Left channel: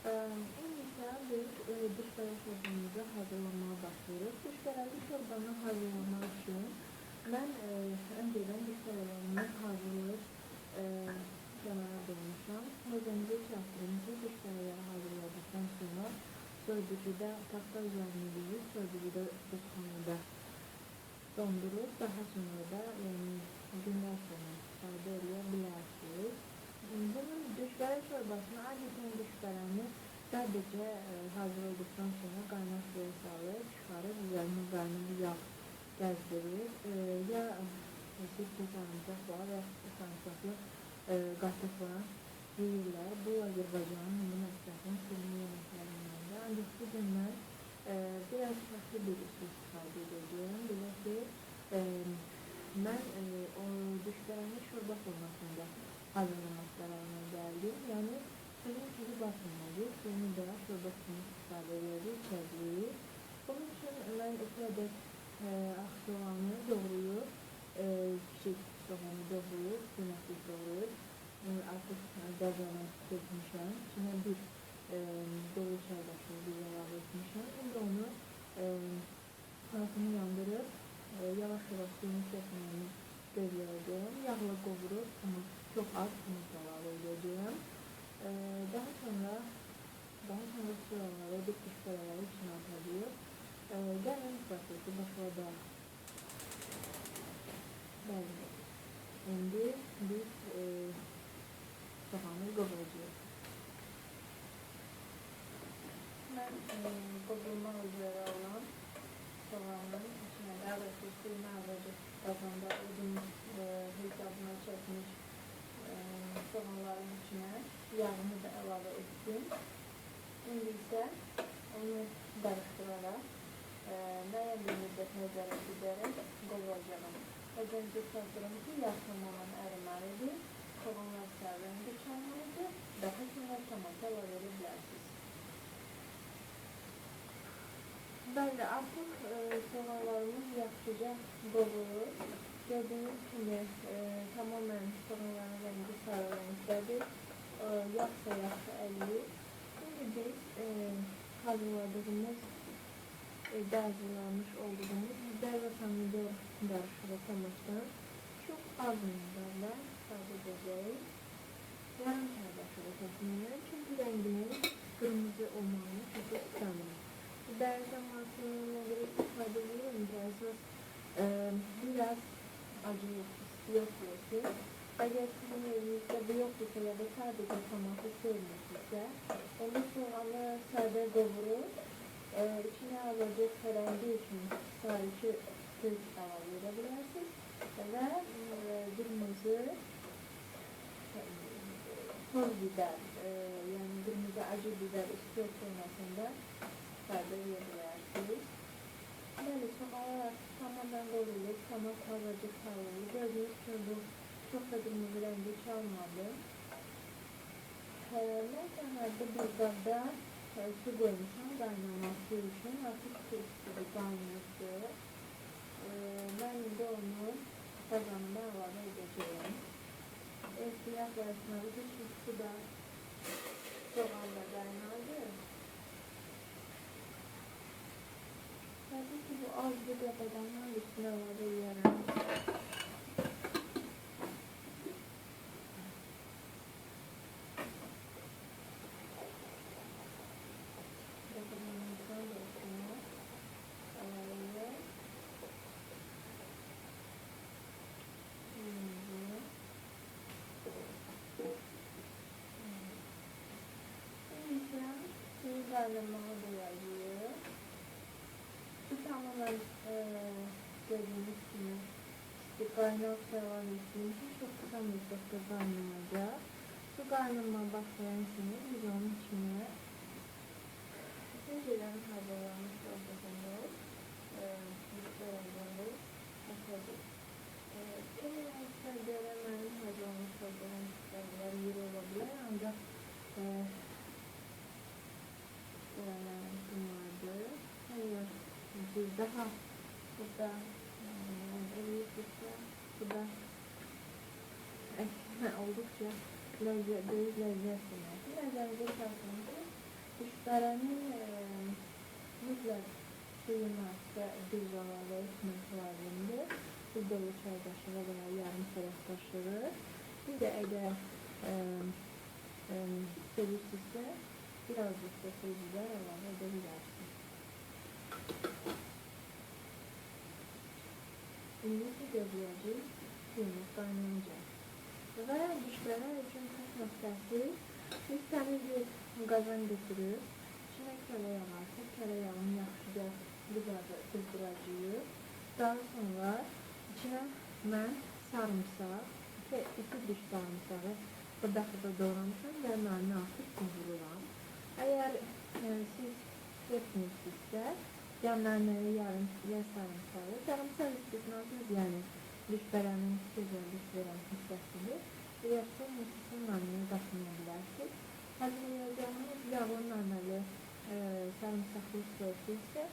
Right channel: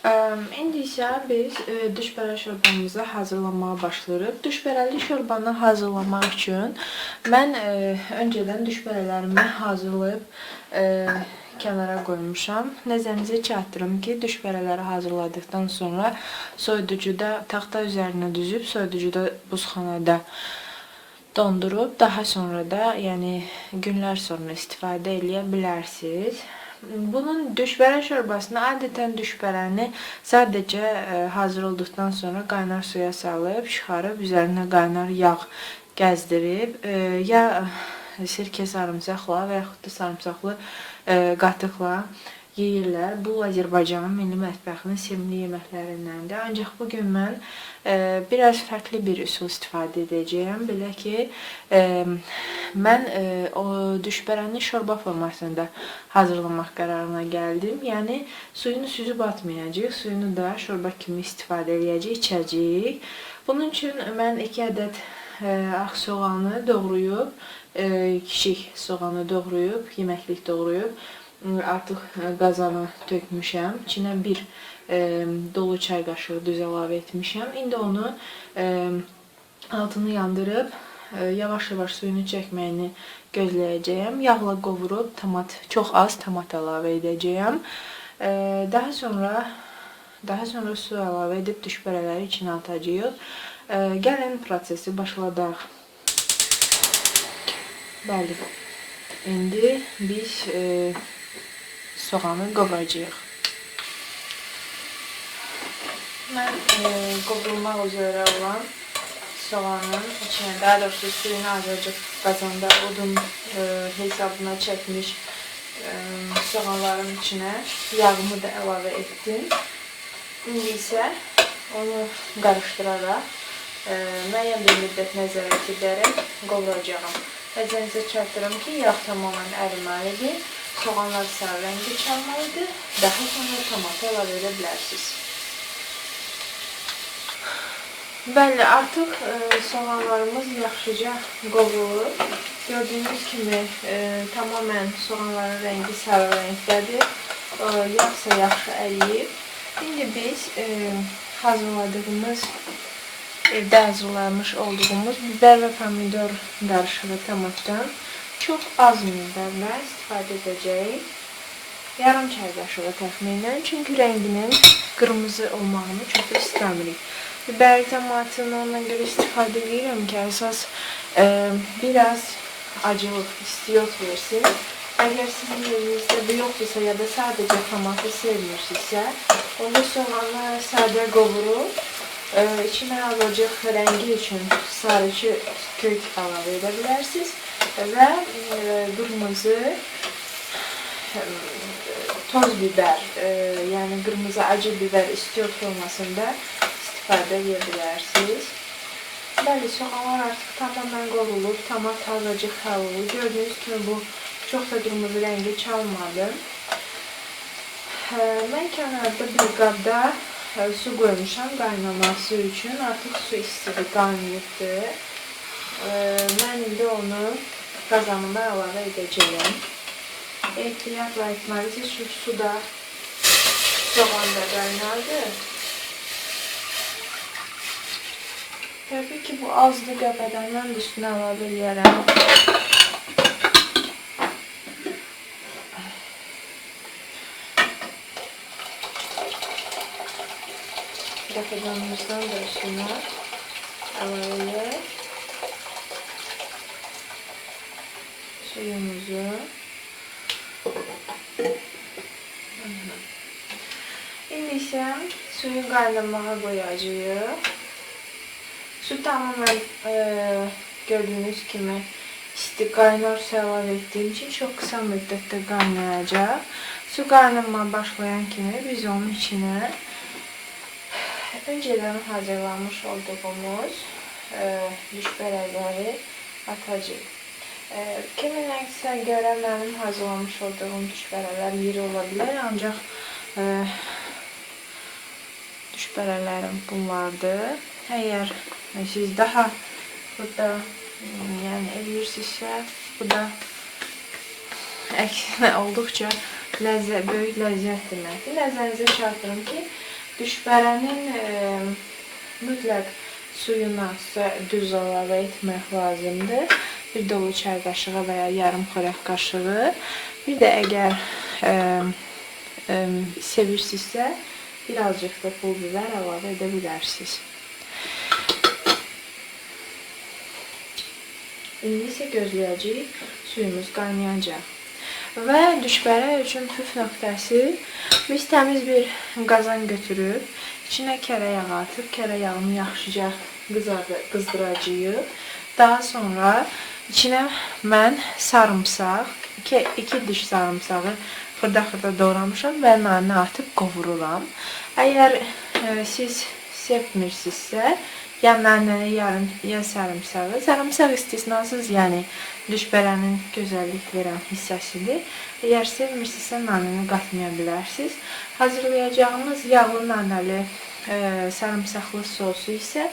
İndi isə biz düşbərə şorbamızı hazırlamağa başlayırıq. Düşbərəli şorbanı hazırlamaq üçün mən öncədən düşbərələrimi hazırlayıb kənara qoymuşam. Nəzərinizə çatdırım ki, düşbərələri hazırladıqdan sonra soyuducuda taxta üzərinə düzüb, soyuducuda buzxanada dondurub, daha sonra da yəni günlər sonra istifadə edə bilərsiniz. Bunun düşbərə şorbasını adətən düşbərəni sadəcə hazır olduqdan sonra qaynar suya salıb, çıxarıb, üzərinə qaynar yağ gəzdirib, ya sirkə sarımsaqla və yaxud da sarımsaqlı qatıqla yeyirlər. Bu Azərbaycanın milli mətbəxinin sevimli yeməklərindəndir. Ancaq bugün mən biraz fərqli bir üsul istifadə edəcəyəm. Belə ki, mən o düşbərəni şorba formasında hazırlamaq qərarına gəldim. Yəni suyunu süzüb atmayacağıq, suyunu da şorba kimi istifadə edəcəyik, içəcəyik. Bunun üçün mən 2 ədəd ağ soğanı doğrayıb, kiçik soğanı doğrayıb, yeməklik doğrayıb, artıq qazana tökmüşəm. İçinə bir dolu çay qaşığı duz əlavə etmişəm. İndi onu altını yandırıb, yavaş-yavaş suyunu çəkməyini gözləyəcəyəm. Yağla qovurub, çox az tomat əlavə edəcəyəm. Daha sonra su əlavə edib düşbərələri içinə atacağıq. Gəlin prosesi başladaq. Bəli, indi biz soğanı qovuracağıq. Mən qovrulmaq üzrə olan soğanın içinə, daha doğrusu suyunu azıcıq qazanda odun hesabına çəkmiş soğanların içinə yağımı da əlavə etdim. İndi isə onu qarışdıraraq müəyyən bir müddət nəzarət edərək qovuracağım. Nəzərinizə çatdırım ki, yağ tamamilə əriməlidir, soğanlar sarı rəngi çalmalıdır, daha sonra tomatı əlavə edə bilərsiniz. Bəli, artıq soğanlarımız yaxşıca qovrulur. Gördüyünüz kimi tamamilə soğanların rəngi sarı rəngdədir, yağsa yaxşı əriyib. İndi biz hazırladığımız, evdə hazırlamış olduğumuz biber və pomidor qarışığı tomatdan çox az miqdarda istifadə edəcəyik. Yarım çay qaşığı təxminən, çünki rənginin qırmızı olmağını çox istəmirik. Biber tomatını ondan görə istifadə edirəm ki, əsas biraz acılıq, istiyot versin. Əgər sizin evinizdə bu yoxdursa ya da sadəcə tomatı sevmirsinizsə, onda soğanı sadə qovurub, içinə azıcıq rəngi üçün sarıcı kök əlavə edə bilərsiniz və qırmızı toz biber, yəni qırmızı acı biber istiyot formasında istifadə edə bilərsiniz. Bəli, soğanlar artıq tamamilə qovrulub, tomat azıcıq kavrulub. Gördüyünüz kimi bu çox da qırmızı rəngi çalmadı. Mən kənarda bir qabda su qoymuşam qaynaması üçün. Artıq su istidir, qaynayıbdır. Mən indi onu qazanıma əlavə edəcəyəm. Ehtiyatla etməlisiniz, çünki suda soğan da qaynardı. Təbii ki, bu azdır qəbədən, mən də üstünə əlavə edərəm. Qəbədanımızdan da üstünə əlavə edək. Suyumuzu. İndi isə suyu qaynamağa qoyacağıq. Su tamamen gördüğünüz kimi isti qaynar su əlavə etdiyim için çox qısa müddətdə qaynayacaq. Su qaynamaya başlayan kimi biz onun içine önceden hazırlanmış olduğumuz düşbərələri atacağıq. Kiminləsə görə mənim hazırlamış olduğum düşbərələr iri ola bilər, ancaq düşbərələrim bunlardır. Əgər siz daha burada yəni eləyirsinizsə, bu da əksinə olduqca böyük ləzzət deməkdir. Nəzərinizə çatdırım ki, Düşbərənin mütləq suyuna duz əlavə etmək lazımdır. Bir dolu çay qaşığı və ya yarım xörək qaşığı. Bir də əgər sevirsinizsə, birazcık da pul biber əlavə edə bilərsiniz. İndi isə gözləyəcəyik suyumuz qaynayacaq. Və düşbərə üçün püf nöqtəsi, biz təmiz bir qazan götürüb, içinə kərə yağı atıb, kərə yağını yaxşıca qızdıracağıq. Daha sonra içinə mən sarımsaq, 2 diş sarımsağı xırda-xırda doğramışam və nanə atıb qovururam. Əgər siz sevmirsinizsə, ya nanəni, ya sarımsağı. Sarımsaq istisnasız, yəni düşbərənin gözəllik verən hissəsidir. Əgər sevmirsinizsə, nanəni qatmaya bilərsiniz. Hazırlayacağımız yağlı nanəli sarımsaqlı sosu isə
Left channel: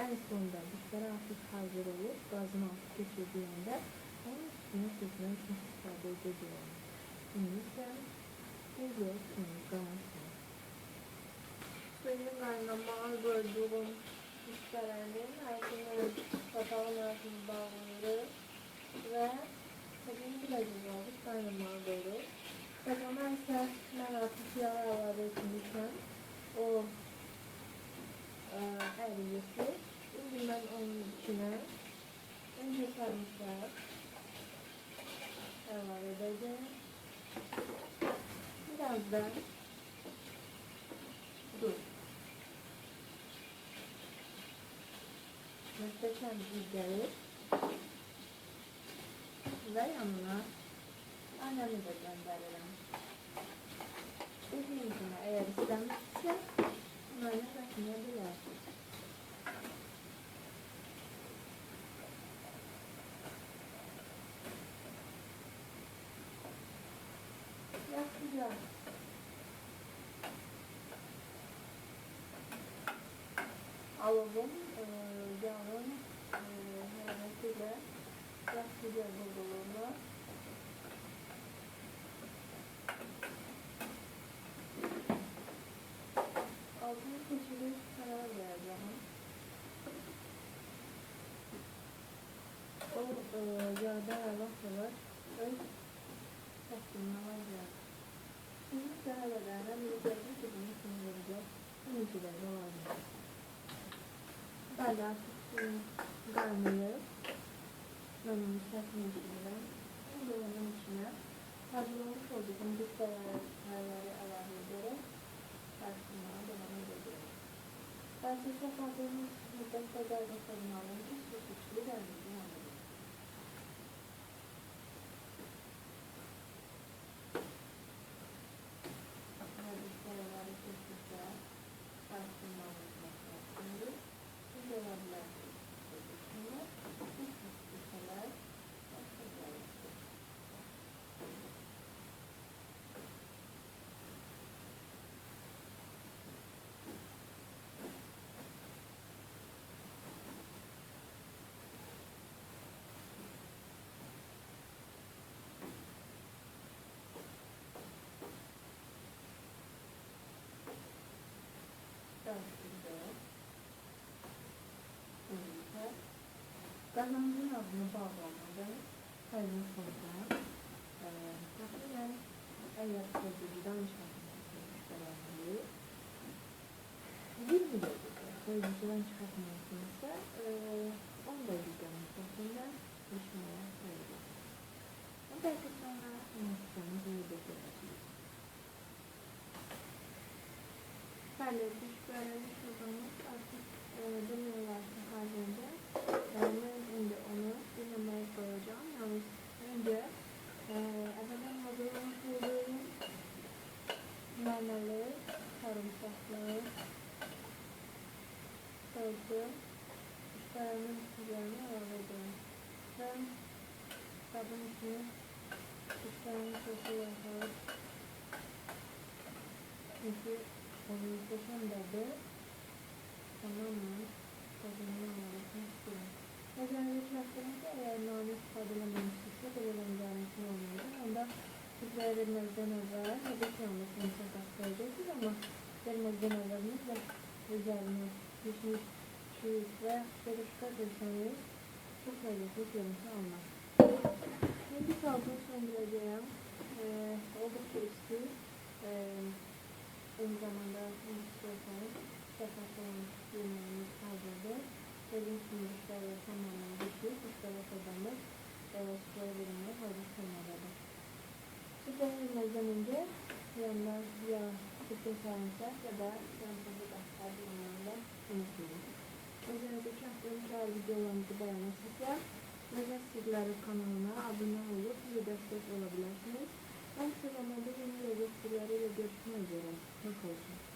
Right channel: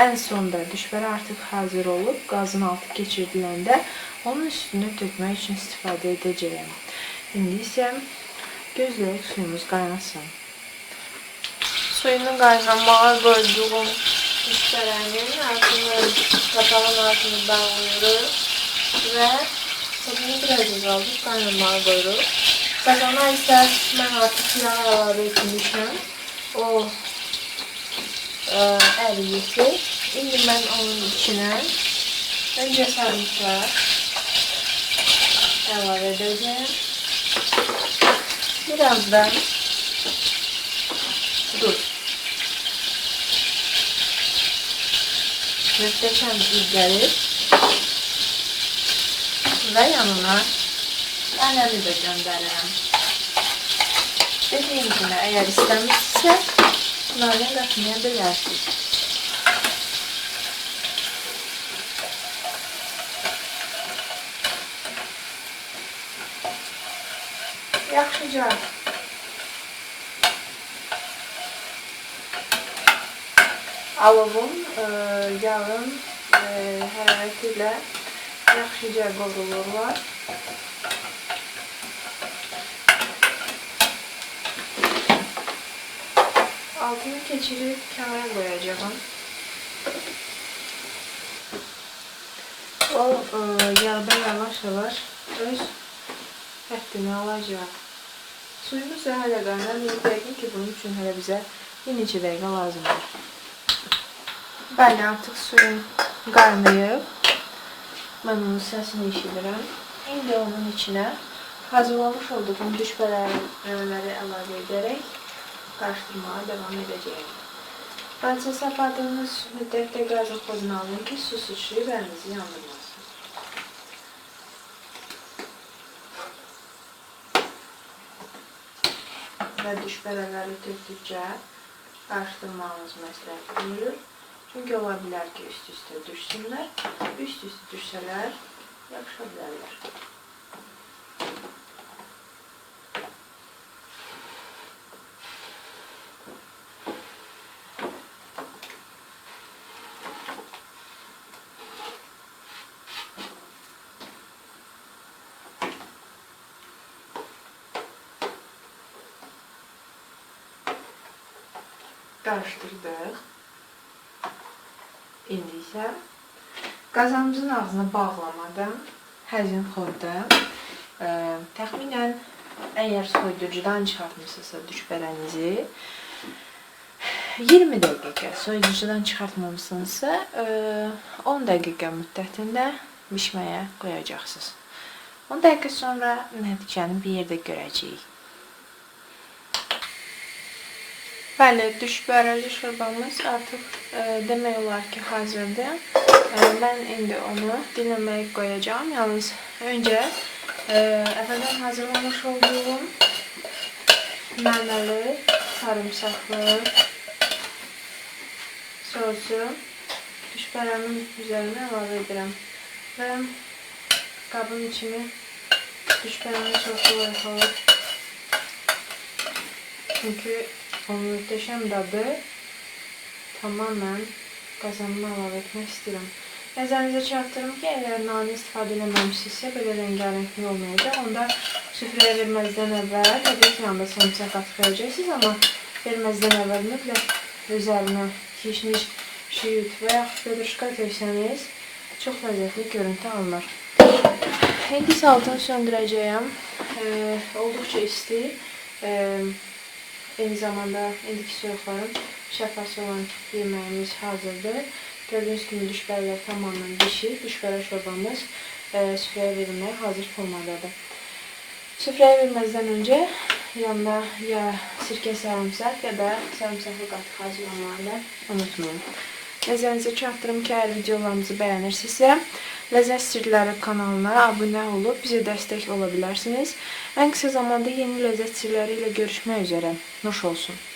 ən sonda düşbərə artıq hazır olub, qazın altı keçiriləndə onun üstünə tökmək üçün istifadə edəcəyəm. İndi isə gözləyək suyumuz qaynasın. Suyunu qaynamağa qoyduğum düşbərənin qapağın altını bağlıyoruz və sabunu biraz azaldıb qaynamağa qoyuruq. Qazana isə mən artıq yağ əlavə etmişəm. O əriyisi. İndi mən onun içinə öncə sarımsaq əlavə edəcəm. Birazdan duz. Möhtəşəm iyi gəlir. Və yanına nanəni də göndərirəm. Dediyim kimi, əgər istəmirsinizsə, nanə qatmaya bilərsiniz. Yaxşıca alovun, yağın hərarəti ilə yaxşıca qovrulurlar. Altını keçirib kənara qoyacağım. O yağda yavaş-yavaş öz həddini alacaq. Suyumuz da hələ qaynar. Yəqin ki, bunun üçün hələ bizə bir neçə dəqiqə lazımdır. Bəli, artıq suyum qaynayıb. Mən onun səsini eşidirəm. İndi onun içinə hazırlamış olduğum düşbərələri əlavə edərək qarışdırmağa devam edəcəyim. Qazı sapadığınız müddətdə qazı xodunu alın ki, su sıçrayıb əlinizi yandırmasın. Və düşbərələri tökdükcə qarışdırmağınız məsləhət görülür. Çünki ola bilər ki, üst-üstə düşsünlər. Üst-üstə düşsələr, yaxşı bilərlər. Qarışdırdıq. İndi isə qazanımızın ağzını bağlamadan həzin xorda təxminən əgər soyuducudan çıxartmışsınızsa düşbərənizi 20 dəqiqə, soyuducudan çıxartmamışsınızsa 10 dəqiqə müddətində bişməyə qoyacaqsınız. 10 dəqiqə sonra nəticəni bir yerdə görəcəyik. Bəli, düşbərəli şorbamız artıq demək olar ki, hazırdır. Mən indi onu dinləməyə qoyacağım. Yalnız öncə əvvəldən hazırlamış olduğum nanəli, sarımsaqlı sosu düşbərəmin üzərinə əlavə edirəm. Və qabın içini düşbərəmin sosu yıxılır. Çünki onun möhtəşəm dadı tamamen qazanıma əlavə etmək istəyirəm. Nəzərinizə çatdırım ki, əgər nanə istifadə eləməmişsinizsə, belə rəngarəngli olmayacaq. Onda süfrəyə verməzdən əvvəl təbii ki, yanında sarımsaq atıb verəcəksiniz, amma verməzdən əvvəl mütləq üzərinə kişniş, şüyüt və yaxud pedruşka töksəniz çox ləzzətli görüntü alınır. İndi isə altını söndürəcəyəm. Olduqca isti. Eyni zamanda indiki soyuqların şəfası olan yeməyimiz hazırdır. Gördüyünüz kimi düşbərələr tamamilə bişir. Düşbərə şorbamız süfrəyə verilməyə hazır formandadır. Süfrəyə verməzdən öncə yanında ya sirkə sarımsaq ya da sarımsaqlı qatıq hazırlamalarını unutmayın. Nəzərinizə çatdırım ki, əgər videolarımızı bəyənirsinizsə, Ləzzət Sirləri kanalına abunə olub bizə dəstək ola bilərsiniz. Ən qısa zamanda yeni ləzzət sirləri ilə görüşmək üzərə. Nuş olsun.